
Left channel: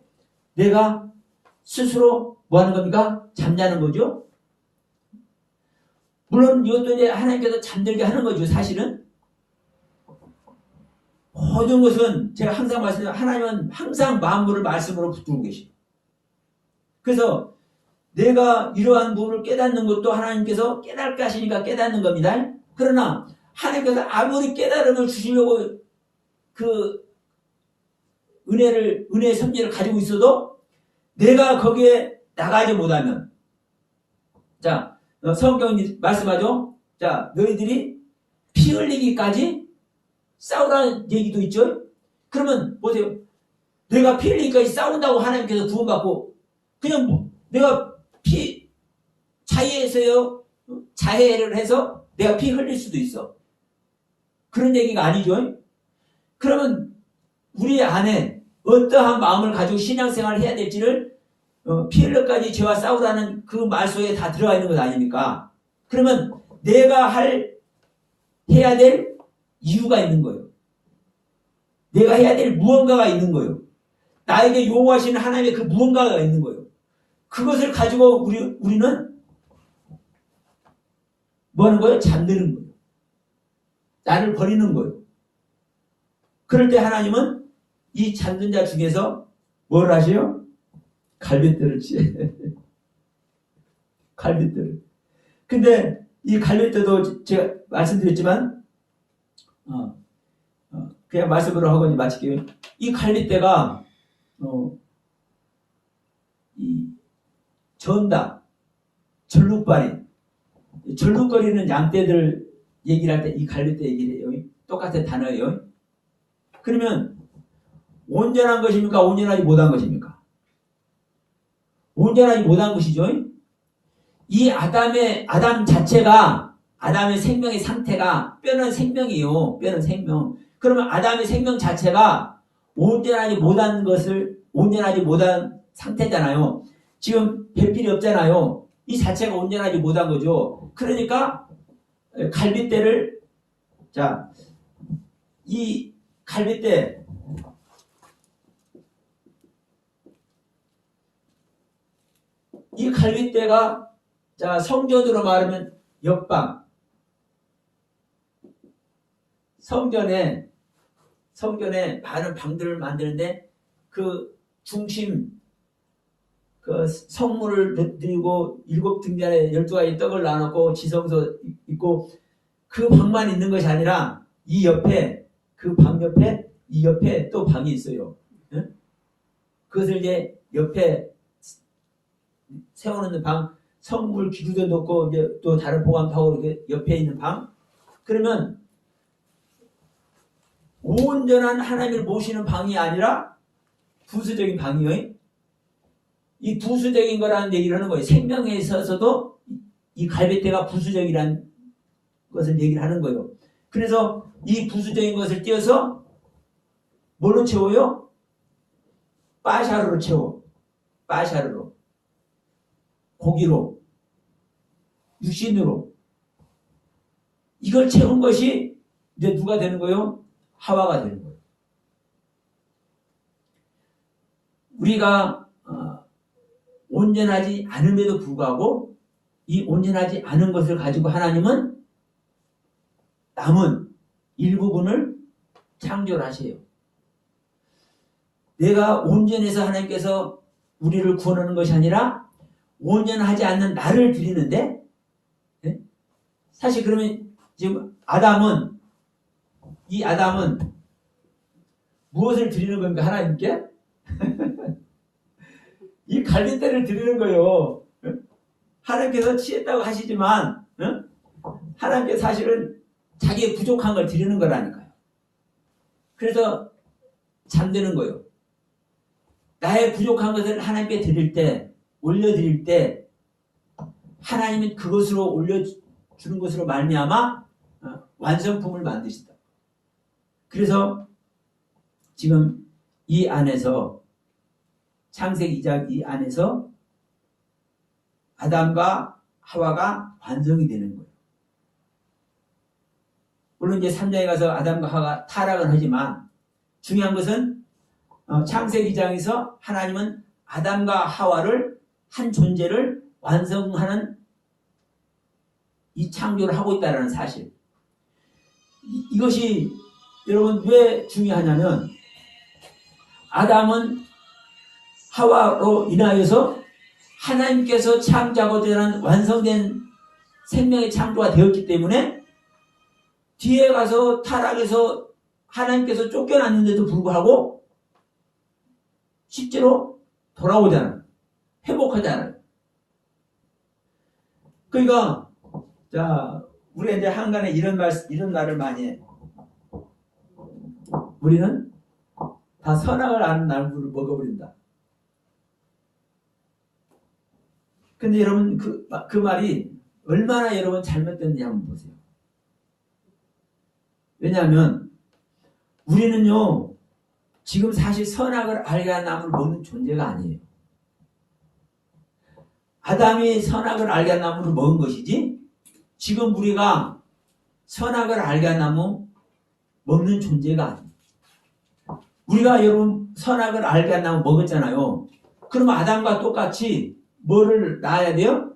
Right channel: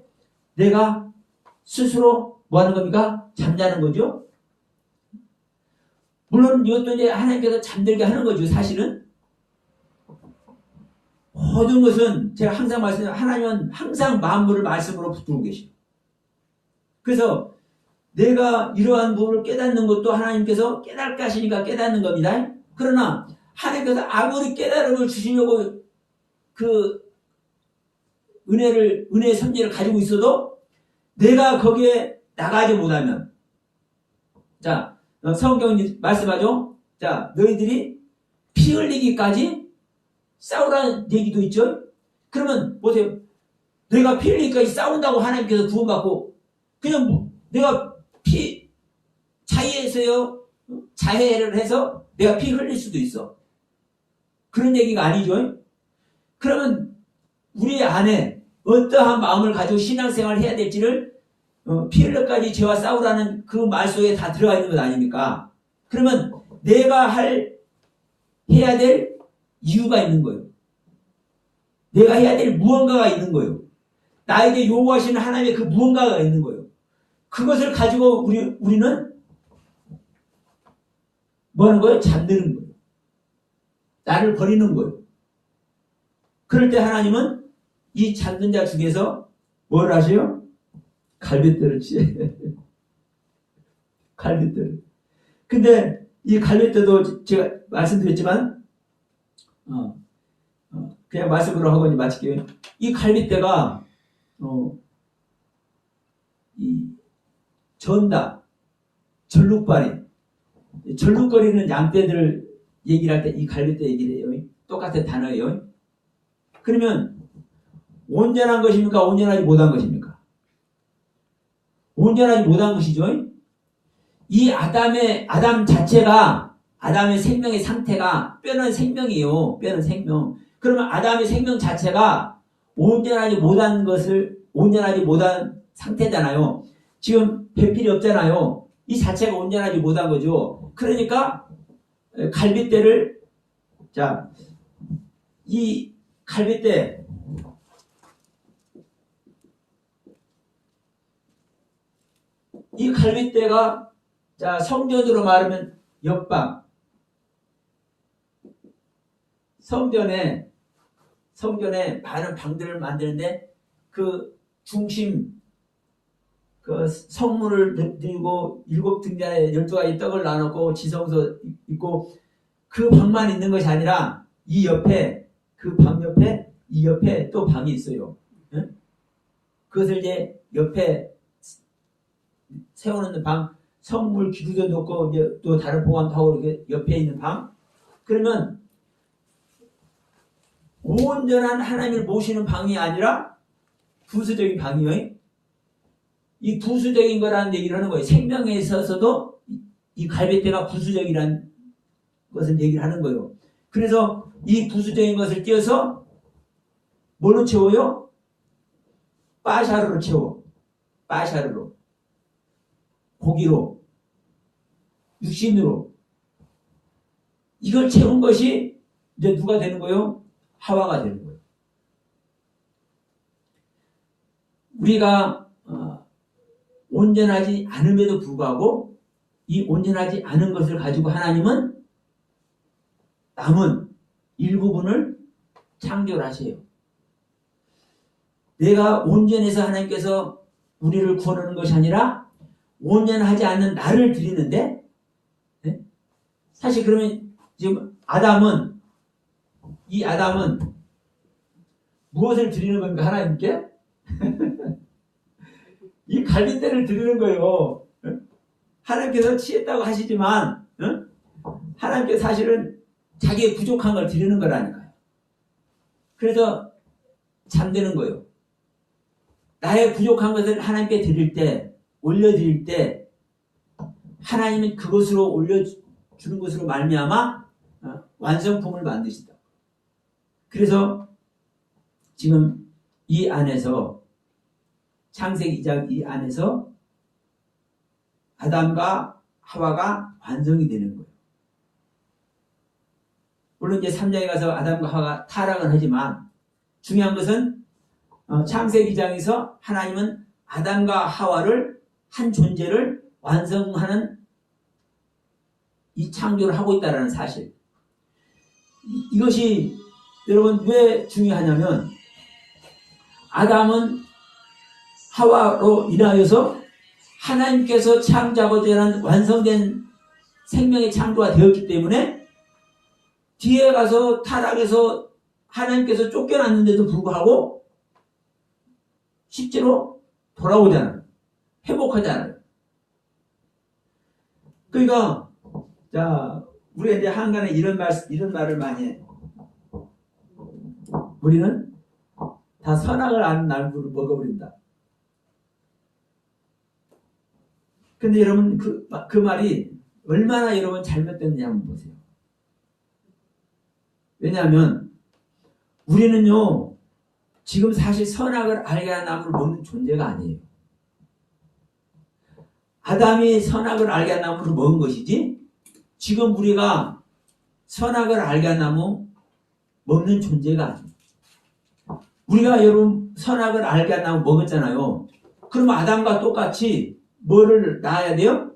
내가 스스로 뭐 하는 겁니까? 잠자는 거죠. 물론 이것도 이제 하나님께서 잠들게 하는 거죠. 사실은 모든 것은 제가 항상 말씀드리는 하나님은 항상 만물을 말씀으로 붙들고 계십니다. 그래서 내가 이러한 부분을 깨닫는 것도 하나님께서 깨닫게 하시니까 깨닫는 겁니다. 그러나 하나님께서 아무리 깨달음을 주시려고 그 은혜의 선지를 가지고 있어도 내가 거기에 나가지 못하면, 자, 성경이 말씀하죠. 자, 너희들이 피 흘리기까지 싸우라는 얘기도 있죠. 그러면 보세요. 내가 피 흘리기까지 싸운다고 하나님께서 구원받고 그냥 내가 자해를 해서 내가 피 흘릴 수도 있어. 그런 얘기가 아니죠. 그러면 우리 안에 어떠한 마음을 가지고 신앙생활을 해야 될지를 피 흘려까지 죄와 싸우라는 그 말 속에 다 들어가 있는 것 아닙니까? 그러면 내가 해야 될 이유가 있는 거예요. 내가 해야 될 무언가가 있는 거예요. 나에게 요구하시는 하나님의 그 무언가가 있는 거예요. 그것을 가지고 우리는 뭐 하는 거예요? 잠드는 거예요. 나를 버리는 거예요. 그럴 때 하나님은 이 잠든 자 중에서 뭘 하세요? 갈빗대를 치해. 갈빗대를. 근데 이 갈빗대도 제가 말씀드렸지만 그냥 말씀으로 하고 이제 마칠게요. 이 갈빗대가 이 전다, 절룩발이, 절룩거리는 양떼들 얘기를 할 때 이 갈빗대 얘기를 해요. 똑같은 단어예요. 그러면 온전한 것입니까? 온전하지 못한 것입니까? 온전하지 못한 것이죠. 이 아담 자체가, 아담의 생명의 상태가 뼈는 생명이에요. 뼈는 생명. 그러면 아담의 생명 자체가 온전하지 못한 상태잖아요. 지금 배필이 없잖아요. 이 자체가 온전하지 못한 거죠. 그러니까 갈빗대를, 자, 이 갈빗대, 이 갈빗대가, 자, 성전으로 말하면 옆방, 성전에 많은 방들을 만드는데 그 중심, 그 성물을 드리고 7등잔에 12가지 떡을 나눴고 지성소 있고 그 방만 있는 것이 아니라 이 옆에, 그 방 옆에, 이 옆에 또 방이 있어요. 응? 그것을 이제 옆에 세워놓는 방, 성물 기구도 놓고 이제 또 다른 보관하고 이렇게 옆에 있는 방. 그러면 온전한 하나님을 모시는 방이 아니라 부수적인 방이에요. 이 부수적인 거라는 얘기를 하는 거예요. 생명에 있어서도 이 갈빗대가 부수적이라는 것을 얘기를 하는 거예요. 그래서 이 부수적인 것을 띄어서 뭘로 채워요? 빠샤르로 채워. 빠샤르로. 고기로. 육신으로. 이걸 채운 것이 이제 누가 되는 거예요? 하와가 되는 거예요. 우리가 온전하지 않음에도 불구하고 이 온전하지 않은 것을 가지고 하나님은 남은 일부분을 창조를 하세요. 내가 온전해서 하나님께서 우리를 구원하는 것이 아니라 온전하지 않는 나를 드리는데, 네? 사실 그러면 지금 이 아담은 무엇을 드리는 겁니까? 하나님께? 이 갈빗대를 드리는 거예요. 하나님께서 취했다고 하시지만 하나님께서 사실은 자기의 부족한 걸 드리는 거라니까요. 그래서 잠드는 거예요. 나의 부족한 것을 하나님께 드릴 때, 올려드릴 때 하나님은 그것으로 올려주는 것으로 말미암아 완성품을 만드신다. 그래서 지금 이 안에서 창세기 2장 이 안에서 아담과 하와가 완성이 되는 거예요. 물론 이제 3장에 가서 아담과 하와가 타락은 하지만 중요한 것은 창세기 2장에서 하나님은 아담과 하와를 한 존재를 완성하는 이 창조를 하고 있다는 사실. 이것이 여러분 왜 중요하냐면 아담은 하와로 인하여서 하나님께서 창조하고자 하는 완성된 생명의 창조가 되었기 때문에 뒤에 가서 타락해서 하나님께서 쫓겨났는데도 불구하고 실제로 돌아오잖아요. 회복하잖아요. 그러니까 자 우리가 이제 한간에 이런 말을 많이 해. 우리는 다 선악을 아는 나무를 먹어버린다. 근데 여러분 그 말이 얼마나 여러분 잘못됐는지 한번 보세요. 왜냐하면 우리는요 지금 사실 선악을 알게 한 나무를 먹는 존재가 아니에요. 아담이 선악을 알게 한 나무를 먹은 것이지 지금 우리가 선악을 알게 한 나무 먹는 존재가 아니에요. 우리가 여러분 선악을 알게 한 나무 먹었잖아요. 그럼 아담과 똑같이 뭐를 낳아야 돼요?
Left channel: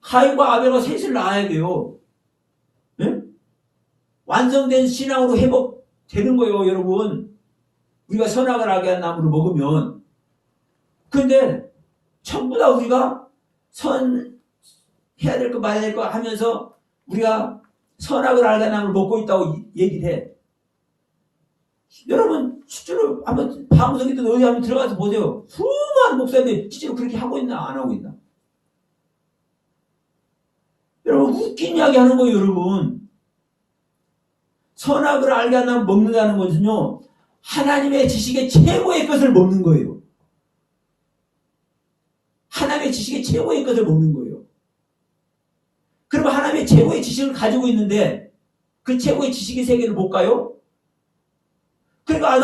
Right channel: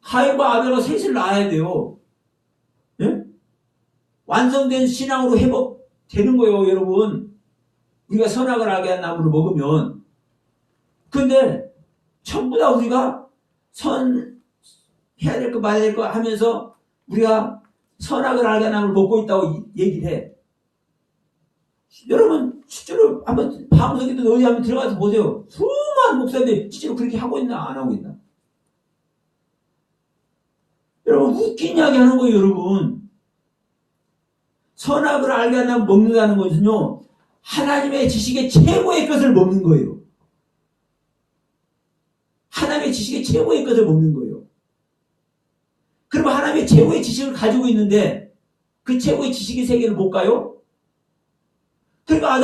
가인과 아벨과 셋을 낳아야 돼요. 예? 완성된 신앙으로 회복되는 거예요, 여러분. 우리가 선악을 알게 한 나무를 먹으면. 근데 전부 다 우리가 해야 될 거 말아야 될 거 하면서 우리가 선악을 알게 한 나무를 먹고 있다고 얘기를 해. 여러분 실제로 한번 방송에도 어디 한번 들어가서 보세요. 수많은 목사님들 실제로 그렇게 하고 있나 안 하고 있나. 여러분 웃긴 이야기 하는 거예요. 여러분 선악을 알게 하면 먹는다는 것은요 하나님의 지식의 최고의 것을 먹는 거예요. 하나님의 지식의 최고의 것을 먹는 거예요. 그러면 하나님의 최고의 지식을 가지고 있는데 그 최고의 지식의 세계를 못 가요? 그러니까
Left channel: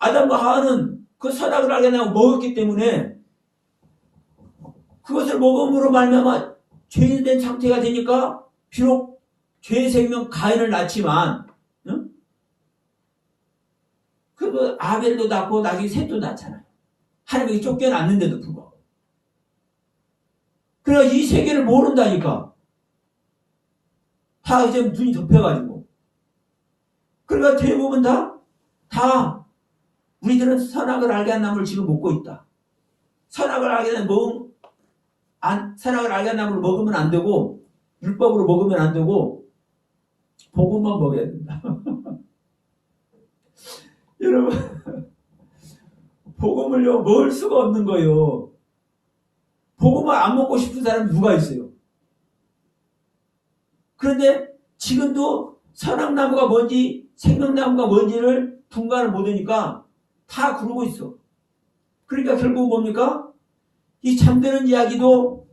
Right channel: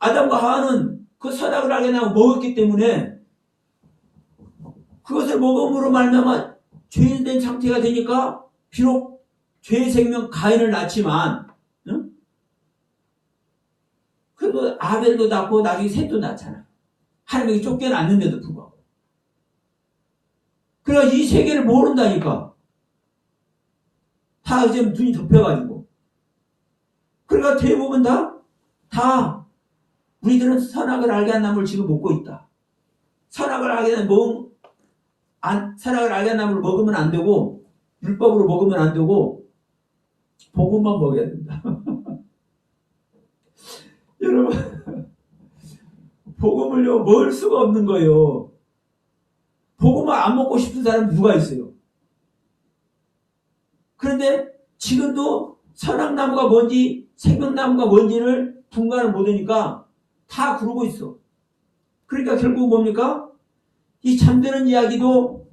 아담과 하와는 그 선악을 알게 하고 먹었기 때문에 그것을 먹음으로 말미암아 죄인된 상태가 되니까 비록 죄의 생명 가인을 낳지만 응? 그래도 아벨도 낳고 나중에 셋도 낳잖아요. 하나님이 쫓겨났는데도 불구하고. 그러니까 이 세계를 모른다니까. 다 이제 눈이 덮여가지고. 그러니까 대부분 다 우리들은 선악을 알게 한 나무를 지금 먹고 있다. 선악을 알게 한 나무를 먹으면 안 되고 율법으로 먹으면 안 되고 복음만 먹어야 된다. 여러분 복음을요 먹을 수가 없는 거예요. 복음을 안 먹고 싶은 사람이 누가 있어요? 그런데 지금도 선악나무가 뭔지 생명나무가 뭔지를 분간을 못하니까 다 그러고 있어. 그러니까 결국 뭡니까? 이 잠드는 이야기도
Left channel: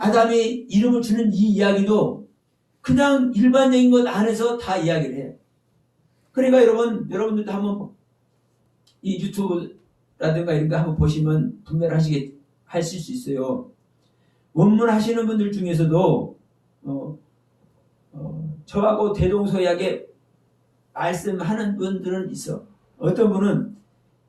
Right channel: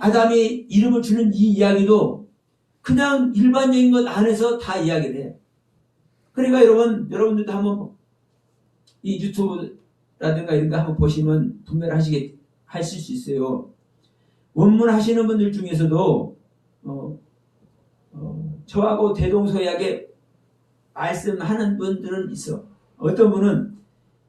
아담의 이름을 주는 이 이야기도 그냥 일반적인 것 안에서 다 이야기를 해. 그러니까 여러분들도 한번 이 유튜브라든가 이런 거 한번 보시면 분별을 하실 수 있어요. 원문 하시는 분들 중에서도 저하고 대동소이하게 말씀하는 분들은 있어. 어떤 분은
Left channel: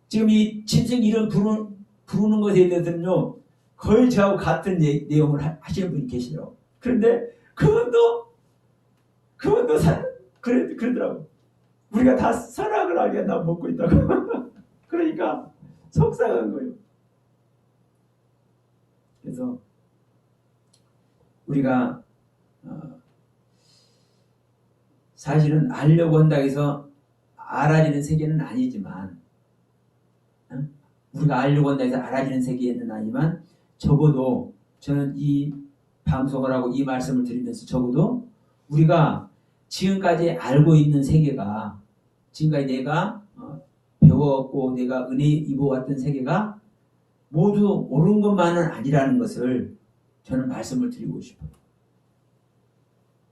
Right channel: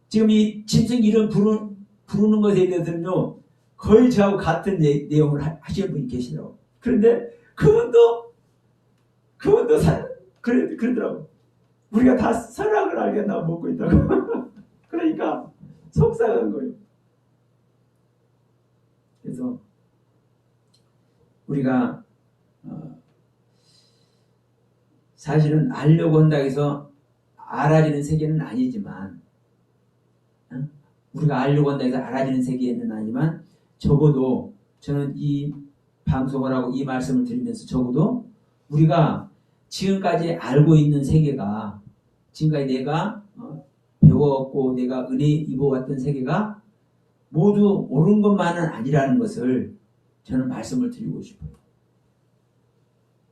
지금 이 짐승 이름 부르는 것에 대해서는요 거의 저하고 같은 내용을 하시는 분이 계시더라고. 그런데 그분도 그러더라고. 우리가 다 선악을 알게 한다고 먹고 있다고. 그러니까 속상한 거예요. 그래서 우리가 사실은 알려고 한다고 해서 알아지는 세계는 아니지만 우리가 알려고 한다 해서 알아지는 세계는 아니지만 적어도 저는 이 방송을 하고 이 말씀을 드리면서 적어도 우리가 지금까지 알고 있는 세계가 지금까지 내가 배워왔고 내가 은혜 입어왔던 세계가 모두 옳은 것만은 아니라는 것을 저는 말씀을 드리고 싶어요.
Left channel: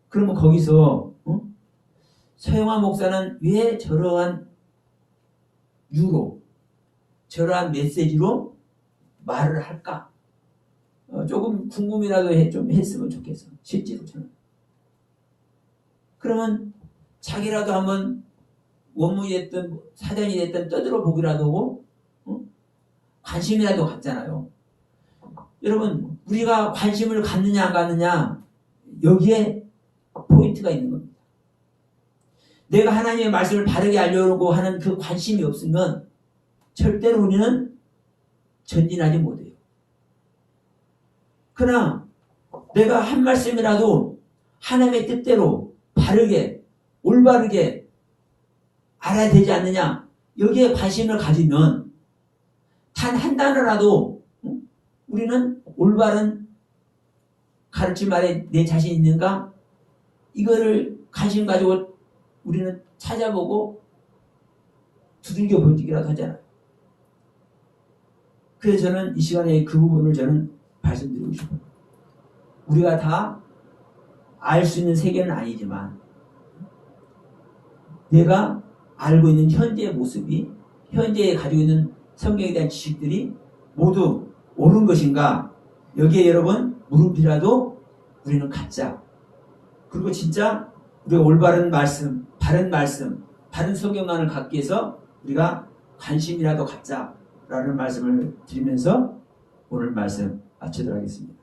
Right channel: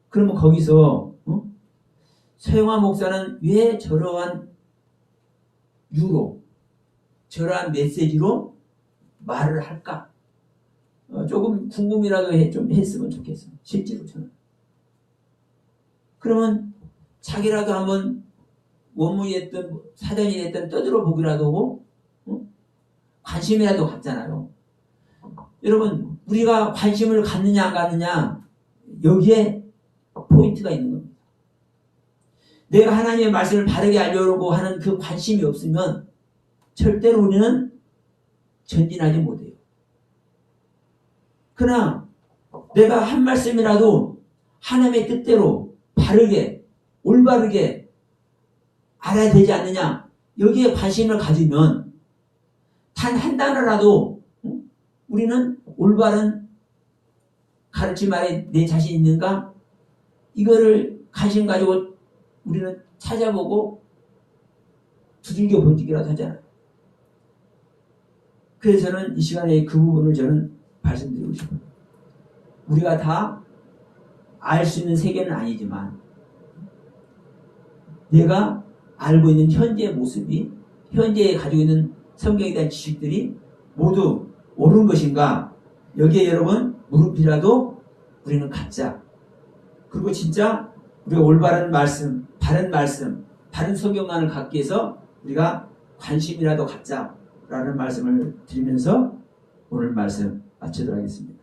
그러면 거기서 서영환 목사는 왜 저러한 유로 저러한 메시지로 말을 할까? 조금 궁금이라도 좀 했으면 좋겠어. 실제로 저는. 그러면 자기라도 한번 원문이 됐든 사전이 됐든 떠들어 보기라도 하고 관심이라도 갖잖아요. 여러분 우리가 관심을 갖느냐 안 갖느냐 여기에 포인트가 있는 겁니다. 내가 하나님의 말씀을 바르게 알려고 하는 그 관심이 없으면 절대로 우리는 전진하지 못해요. 그러나 내가 한 말씀이라도 하나님의 뜻대로 바르게 올바르게 알아야 되지 않느냐 여기에 관심을 가지면 단 한 단어라도 우리는 올바른 가르침 아래 내 자신 있는가 이거를 관심 가지고 우리는 찾아보고 두들겨 보기라도 하잖아요. 그래서 저는 이 시간에 그 부분을 저는 말씀드리고 싶어요. 우리가 다 알 수 있는 세계는 아니지만 내가 알고 있는 현재의 모습이 현재에 가지고 있는 성경에 대한 지식들이 모두 옳은 것인가 여기에 여러분 물음표라도 우리는 갖자. 그리고 진짜 우리가 올바른 말씀 바른 성경관을 갖기 위해서 우리가 관심이라도 갖자라는 말씀을 드리면서 오늘 말씀 마치도록 하겠습니다.